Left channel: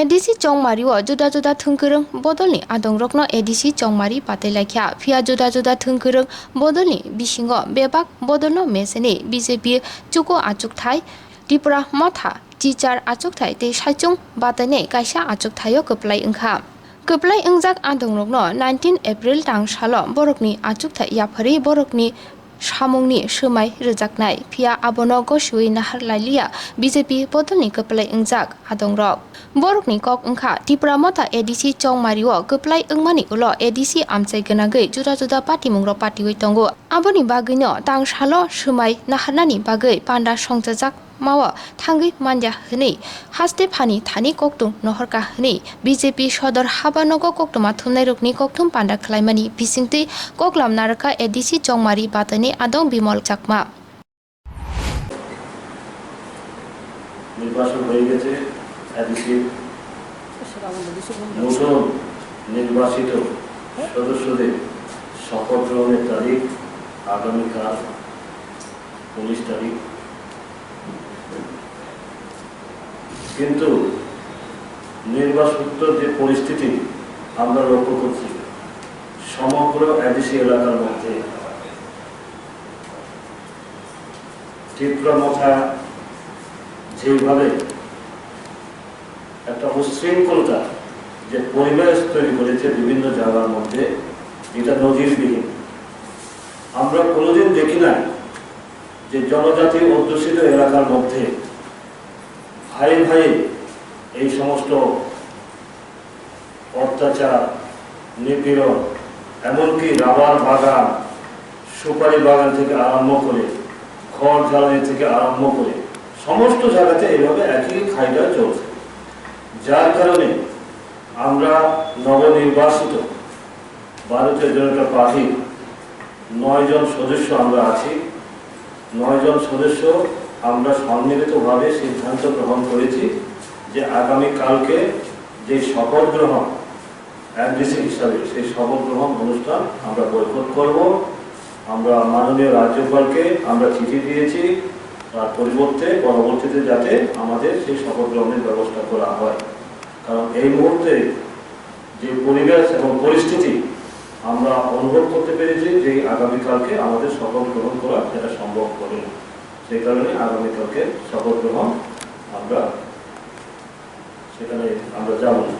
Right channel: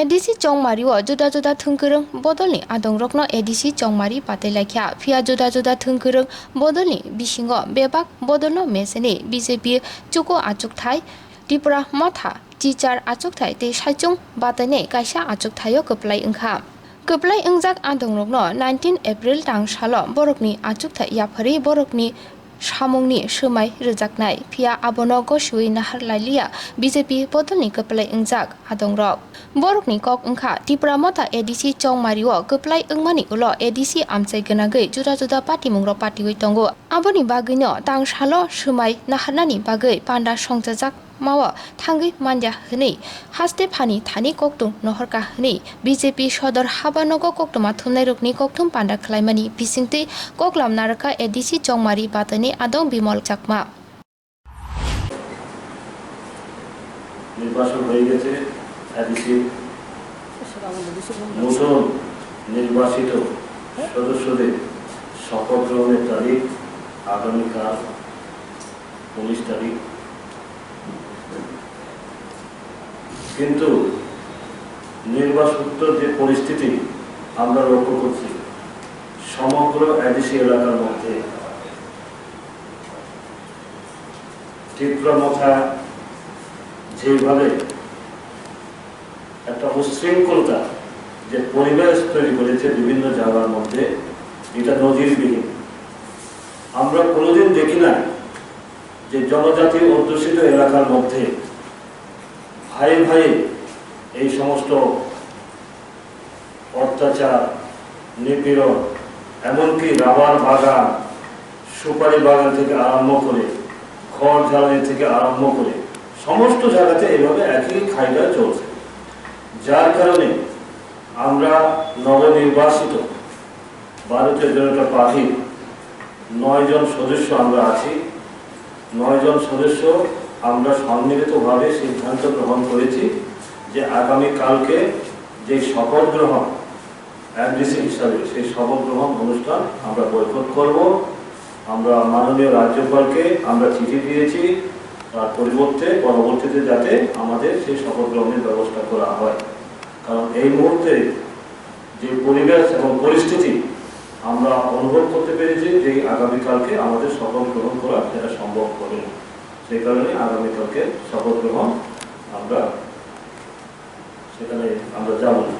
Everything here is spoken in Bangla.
एडिसी चौमारी जुदा जुदा थुंकरं बदलनि आदंरकनो एडिसी चौमारी पातेलाख्या फिया जुदा जुदा थुंकरं बदलनि बिसिंगो बेबाक बदलनो मेसेनि बीजेपी चुको आचुकथाय त्रिपुरा मथा टीचार आचुकथाय ते साइचुं बातने काइसा आचुकथायो कप्लाय ओंखा कप्लाय ओंजाक आदंरकनो 19 एप्रिल तां सालो बरकनि आचुकथाय याफारि बरकनि सामुंनि सोमाय रोजाकनाय फिया आबनो गसुई नाहार लाइलिया बीजेपी बदलनि कप्लाय ओंजाक आदंरक बरकनि कक ओंखा त्रिपुरा मथा एडिसी चौमारिओ कप्लाय ओंमानि उलो एडिसी आमचाय गनागै जुदा जुदा पार्टी मुंग्रो पार्टी तंगो आबोनि बागैनो तां सालो सोमाय नाहारनानि बागै पान्डा संजाजाक मावो थांगै मानजा हनै हास्ते फानि थानि कक्टुं नहरका हनै बीजेपी सदर हाबानगो कक्टुमा थुमनाय रुकनि कक्टुम पान्डा खलायमानि बिसिंतै कक्लाम नारका एडिसी चौमारी बातनि आदं बिमल चाकमा নির্বাচন হয়ে গেছে এডিসি নতুন নির্বাচিত সদস্যদের শপথ গ্রহণের তারিখ আগামীকাল 19 তারিখ কিন্তু নির্বাচনের যে পরিস্থিতি আমরা লক্ষ্য করছি সমগ্র এডিসি এলাকার মধ্যে ত্রিপুরা মথা যেভাবে একটা উশৃঙ্খলতা যে পরিবেশ তৈরি করেছে বিভিন্ন জায়গার মধ্যে এটা নজিরবিহীন আমরা কোনোদিন দেখি না যে জনজাতি অধ্যুষিত এলাকার মধ্যে ভাই ভাই এই সমস্ত অত্যাচার নিপীড়ন এমনকি রাবার বাগান সুপারি বাগান থেকে আরম্ভ করে খড় জ্বালানি থেকে আরম্ভ করে সমস্ত জায়গাতে এইভাবে একই খাইটা চলছে যার কারণে আমরা নবনির্বাচিত ভারতীয় জনতা পার্টির 9 জন সদস্য আমরা আছি 9 জন সদস্য আমরা সম্মিলিতভাবে সিদ্ধান্ত গ্রহণ করেছি যে আগামীকালকে যে শপথ গ্রহণ এডিসি হিসাবে সেই শপথ গ্রহণ অনুষ্ঠান আমরা বয়কট করব আমরা মাননীয় রাজ্যপালকে আমরা চিঠি দিয়েছি তার পরিবর্তে পরবর্তীতে যাতে আমাদের সেই শপথ গ্রহণের ব্যবস্থা করা হয় কারণ এই মুহূর্তে যে পরিবেশ এবং পরিস্থিতি আমরা অনুভব করতে পেরেছি যে আগামীকালকে আমাদের শপথ গ্রহণ করা এটা সম্ভব হবে না সেই কারণে আগামীকালকে শপথ গ্রহণ আমরা সেখানে আমরা যাব না